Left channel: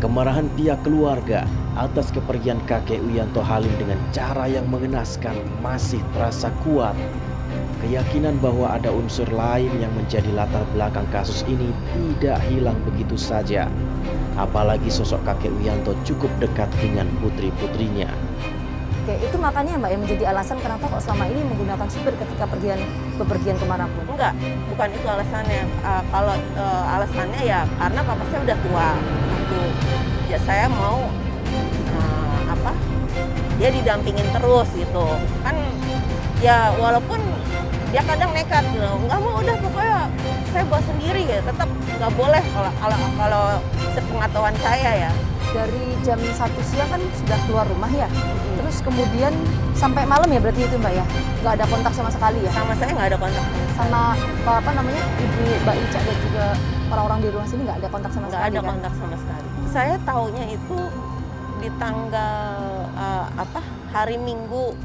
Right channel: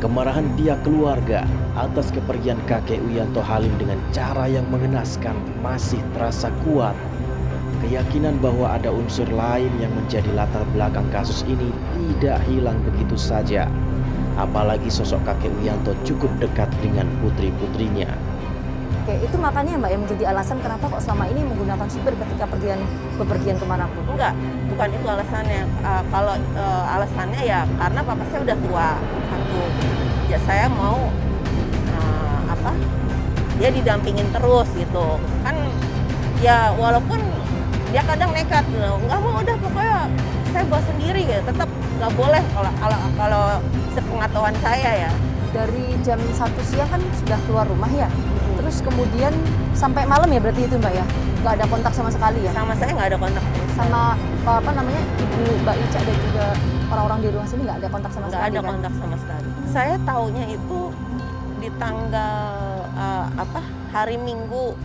Kemarahan pihak keluarga atas kepergian kakek Wiyanto Halim dengan cara yang mengenaskan masih terasa kuat. Keyakinan bahwa ada unsur lain yang menjadi latar belakang kasus ini tidak hilang begitu saja. Apalagi sosok kakek Wiyanto cukup dekat dengan putri-putrinya. Oke, itu makanya Mbak yang menjadi alasan kenapa kok selama ini menggunakan supir ketika bepergian kemanapun? Enggak, bukan itu alasannya. Kalau alasannya ya karena papa saya udah tua. Satu, ya saya mau dia didampingin terus gitu. Kan ya walaupun dia kadang nekat gitu, nggak mau, udah pokoknya saya bawa sendiri ya. Tetap nggak boleh kalau sepengetahuan saya ya. Dari jam 1 siang kan sudah keluar rumah ya? Terus kemudian sampai malam ya berarti itu Mbak ya? Nggak ada kontak sama sekali ya? Sama saya nggak ada kontak. Sama Ibu Mbak Ica dan juga orang-orang di rumah sini nggak ada kontak sama sekali? Nggak ada kontak sama sekali. Saya taunya itu di tanggal hari Minggu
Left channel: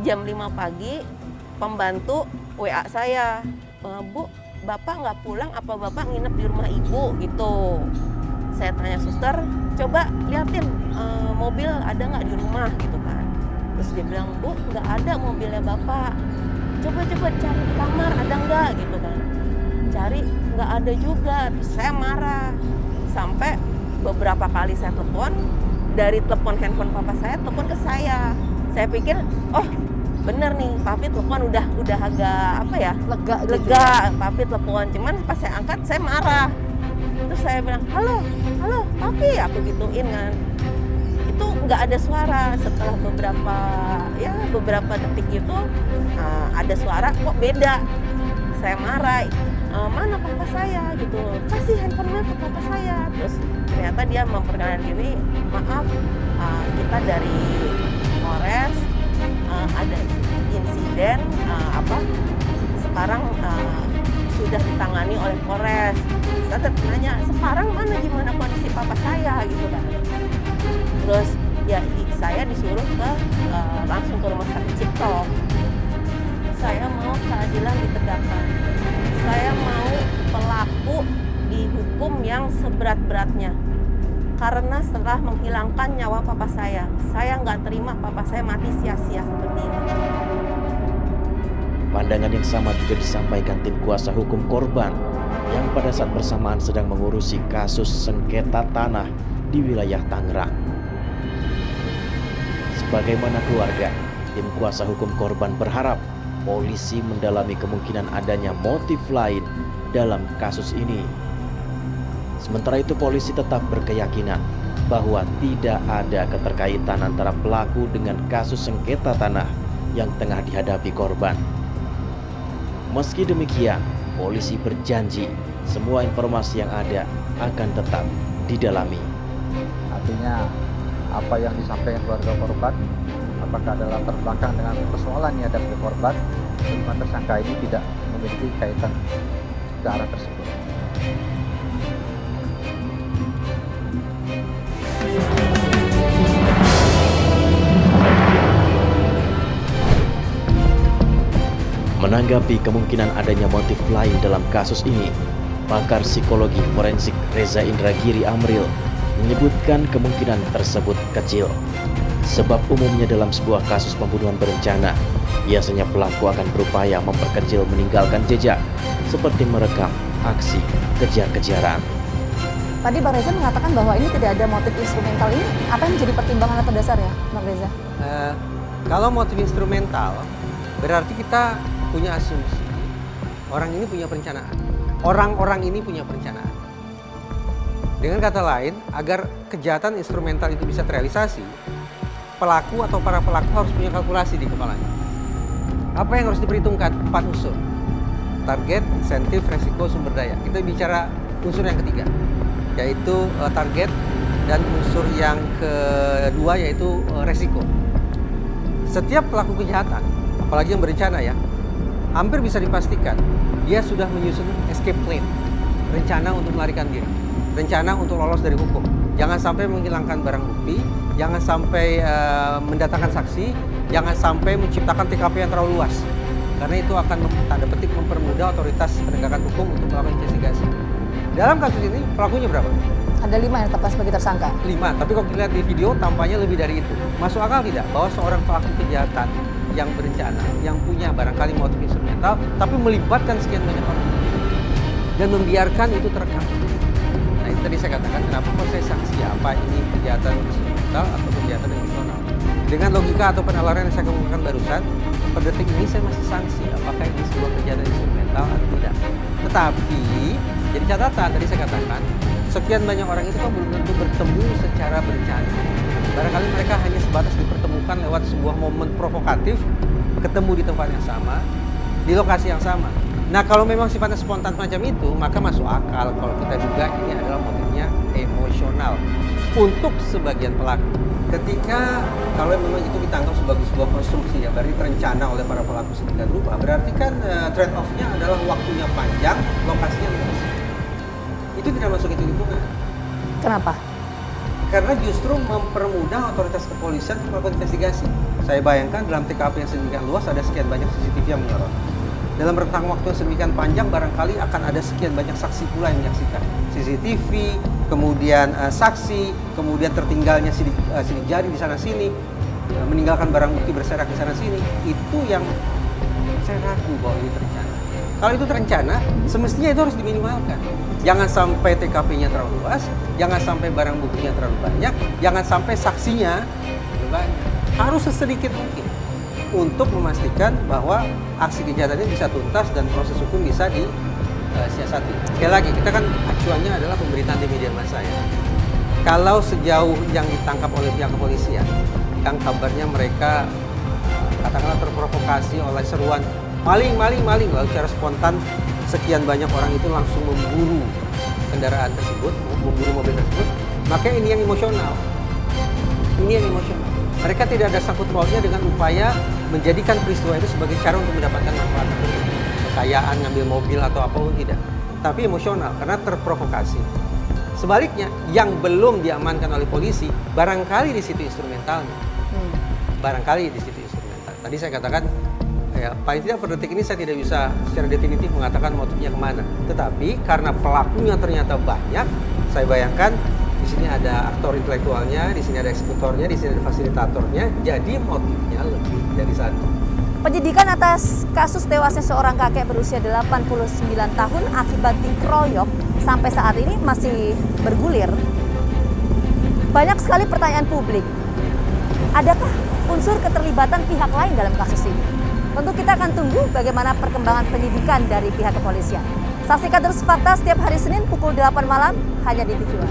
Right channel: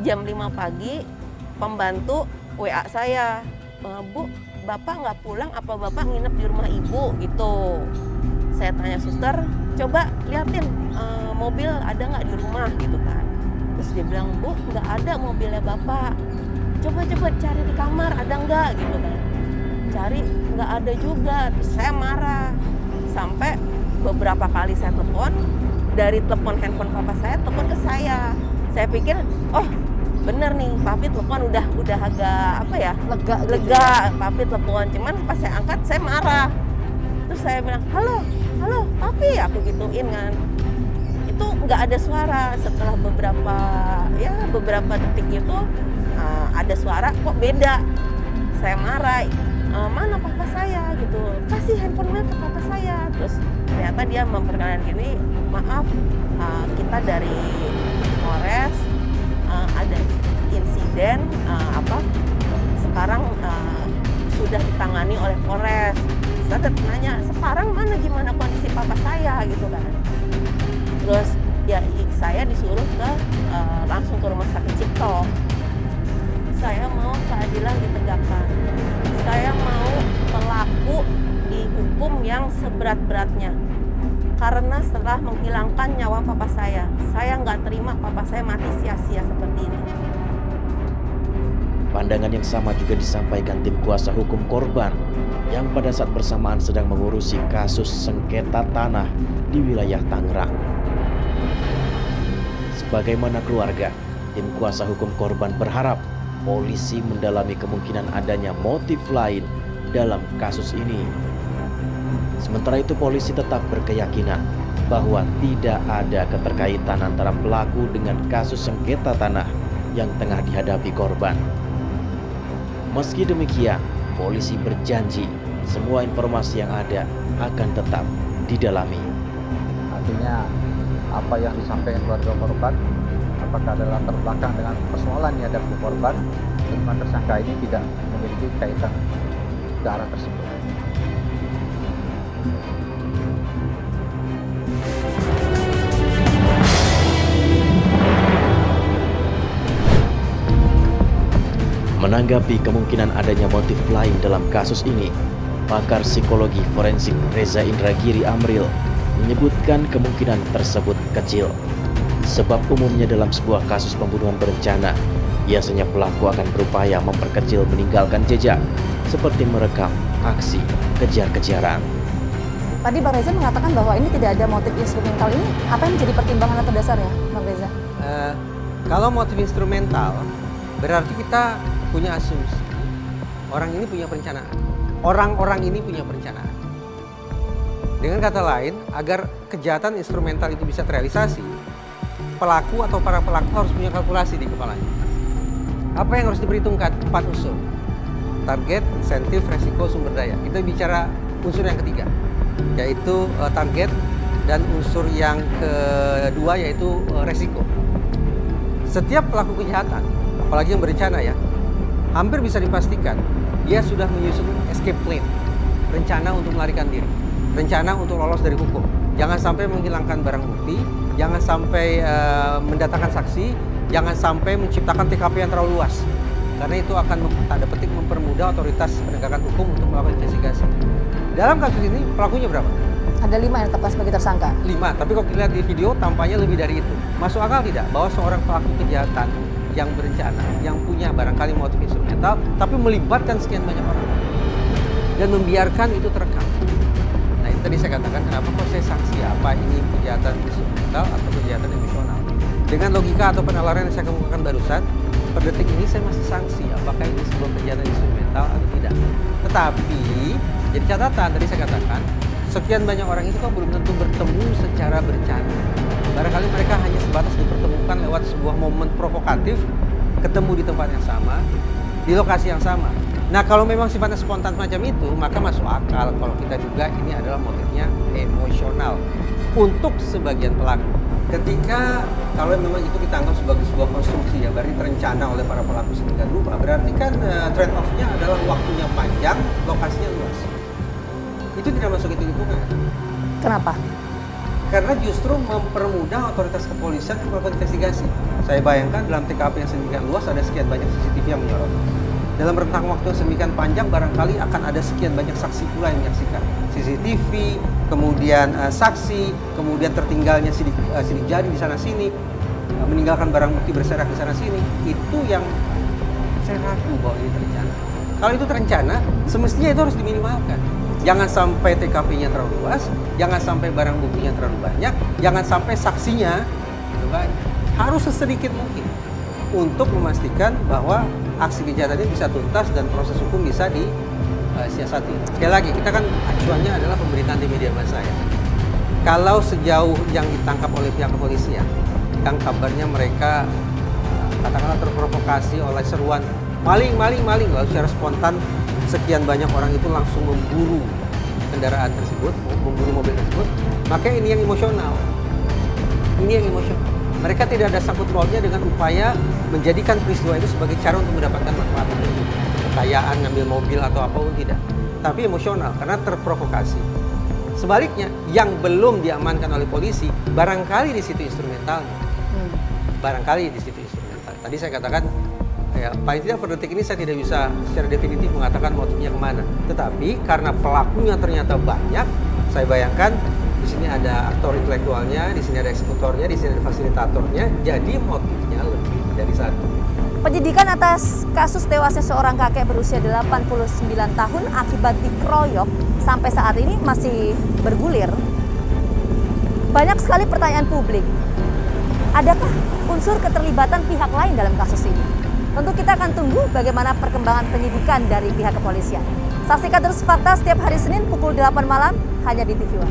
jam 5 pagi pembantu WA saya, Bu, Bapak nggak pulang apa Bapak nginep di rumah Ibu gitu. Saya tanya suster, coba liatin mobil ada nggak di rumah gitu kan. Terus dia bilang, Bu, nggak ada mobilnya Bapak. Coba cari di kamar ada nggak gitu kan. Cari nggak ada juga. Terus saya marah. Sampai beberapa kali saya telepon, dari telepon handphone papa saya telepon ke saya. Saya pikir, oh bener nih, papi telepon udah agak Lega gitu lega, papi telepon. Cuman pas saya angkat saya marah. Terus saya bilang, halo papi, aku gituin kan. Itu nggak ada suara. Setelah beberapa detik itu ada suara, kok beda. Saya marah, mana papa saya gitu, kasih handphonenya ke papa saya. Terus ternyata dia memperkenalkan diri, maaf kita dari Polres, ada insiden sekarang sudah ditangani oleh Polres. Saya nanya, sekarang gimana kondisi papa saya gitu kan. Terus ya saya disuruh langsung ke rumah sakit Cipto. Saya mau keadilan ditegakkan. Saya mau pelaku dihukum yang seberat-beratnya. Karena setelah menghilangkan nyawa papa saya nggak terima papa saya mati sia-sia seperti ini. Pandangan yang sama juga disampaikan tim kuasa hukum korban yang pada saat bersamaan sedang mengurusi kasus sengketa tanah di wilayah Tangerang. Sebagaimana keluarga, tim kuasa hukum korban berharap polisi mendalami kemungkinan adanya motif lain dalam kasus ini. Sementara itu polisi tetap berkeyakinan bahwa tidak ada keterkaitan antara pelaku dengan kasus sengketa tanah yang tengah dihadapi korban. Meski demikian, polisi berjanji semua informasi yang ada akan tetap didalami. Artinya apa yang disampaikan keluarga korban, apakah ada latar belakang dengan persoalan yang dihadapi korban, kelima tersangka ini tidak memiliki kaitan ke arah tersebut. Menanggapi kemungkinan adanya motif lain dalam kasus ini, pakar psikologi forensik Reza Indragiri Amril menyebutkan kemungkinan tersebut kecil. Sebab umumnya dalam sebuah kasus pembunuhan berencana, biasanya pelaku akan berupaya memperkecil meninggalkan jejak, seperti merekam aksi kejar-kejaran. Tadi Bang Reza mengatakan bahwa ini tidak ada motif instrumental. Ini apa yang menjadi pertimbangan atau dasar ya Bang Reza? Kalau motif instrumental, berarti kita punya asumsi orang ini punya perencanaan. Orang-orang ini punya perencanaan. Dengan kata lain, agar kejahatan instrumental itu bisa terrealisasi, pelaku atau para pelaku harus punya kalkulasi di kepalanya. Apa yang harus diperhitungkan? 4 unsur. Target, insentif, resiko, sumber daya. Kita bicara unsur yang ketiga, yaitu target, dan unsur yang kedua yaitu resiko. Setiap pelaku kejahatan, apalagi yang berencana ya, hampir bisa dipastikan dia sudah menyusun escape plan, rencana untuk melarikan diri, rencana untuk lolos dari hukum. Jangan sampai menghilangkan barang bukti, jangan sampai mendatangkan saksi, jangan sampai menciptakan TKP yang terlalu luas. Karena itu akan tanda petik mempermudah otoritas penegakan hukum untuk melakukan investigasi. Dalam kasus ini pelakunya berapa? Ada 5 yang ditetapkan sebagai tersangka. 5, tapi kalau kita lihat di video tampaknya lebih dari itu. Masuk akal tidak bahwa seorang pelaku kejahatan yang berencana, yang punya barangkali motif instrumental, tapi melibatkan sekian banyak orang dan membiarkan itu terekam. Nah itu tadi saya katakan kenapa kok saya sanksi apa ini kejahatan instrumental atau kejahatan emosional. Dengan logika atau penalaran yang saya kemukakan barusan, per detik ini saya masih sanksi apakah ini sebuah kejahatan instrumental atau tidak. Tetapi jadi catatan tadi saya katakan sekian banyak orang itu kan belum tentu bertemu secara berencana. Barangkali mereka hanya sebatas dipertemukan lewat sebuah momen provokatif, ketemu di tempat yang sama, di lokasi yang sama. Nah kalau memang sifatnya spontan macam itu, maka masuk akal kalau kita duga ini adalah motifnya emosional untuk sebagian pelaku. Ketika kalau memang itu ditangkap sebagai sebuah konstruksi ya, berarti terencana oleh para pelaku sedemikian rupa, berarti kan trade off-nya adalah waktunya panjang, lokasinya luas. Itu tidak masuk hitung-hitungan. Kenapa? Karena justru mempermudah otoritas kepolisian untuk melakukan investigasi. Saya bayangkan dalam TKP yang sedemikian luas ada sekian banyak CCTV yang menyorot. Dalam rentang waktu yang sedemikian panjang barangkali akan ada sekian banyak saksi pula yang menyaksikan. CCTV, kemudian saksi, kemudian tertinggalnya sidik jari di sana sini, meninggalkan barang bukti berserak di sana sini. Itu yang saya ragu bahwa ini terencana. Kalau itu terencana, semestinya itu harus diminimalkan. Jangan sampai TKP-nya terlalu luas, jangan sampai barang buktinya terlalu banyak, jangan sampai saksinya terlalu banyak. Harus sesedikit mungkin untuk memastikan bahwa aksi kejahatan ini bisa tuntas dan proses hukum bisa disiasati. Sekali lagi, kita kan acuannya adalah pemberitaan di media massa ya. Kalau sejauh yang ditangkap oleh pihak kepolisian, yang kabarnya mereka katakanlah terprovokasi oleh seruan maling, lalu secara spontan sekian banyak orang itu langsung memburu kendaraan tersebut, memburu mobil tersebut, maka ini yang emosional. Ini yang emosional. Mereka tidak ada sangkut pautnya dengan upaya menjadikan peristiwa itu sebagai cara untuk mendapatkan manfaat tertentu, kekayaan, ngambil mobil atau apapun tidak. Tapi emosional karena terprovokasi. Sebaliknya, yang belum diamankan oleh polisi, barangkali di situ instrumentalnya. Barangkali di situ instrumental. Tadi saya katakan, ya, paling tidak per detik ini saya tidak bisa secara definitif mengatakan motifnya kemana. Tetapi karena pelakunya ternyata banyak, saya bayangkan di sini ada aktor intelektualnya, di sini ada eksekutornya, di sini ada fasilitatornya. Jadi motifnya lebih dari satu. Penyidikan atas kasus tewasnya seorang kakek berusia 89 tahun akibat dikeroyok sampai saat ini masih bergulir. Banyak sekali pertanyaan publik. Adakah unsur keterlibatan pihak lain dalam kasus ini? Tentu kita akan tunggu bagaimana perkembangan penyidikan dari pihak kepolisian. Saksikan terus Fakta setiap hari Senin pukul 8 malam hanya di TV One.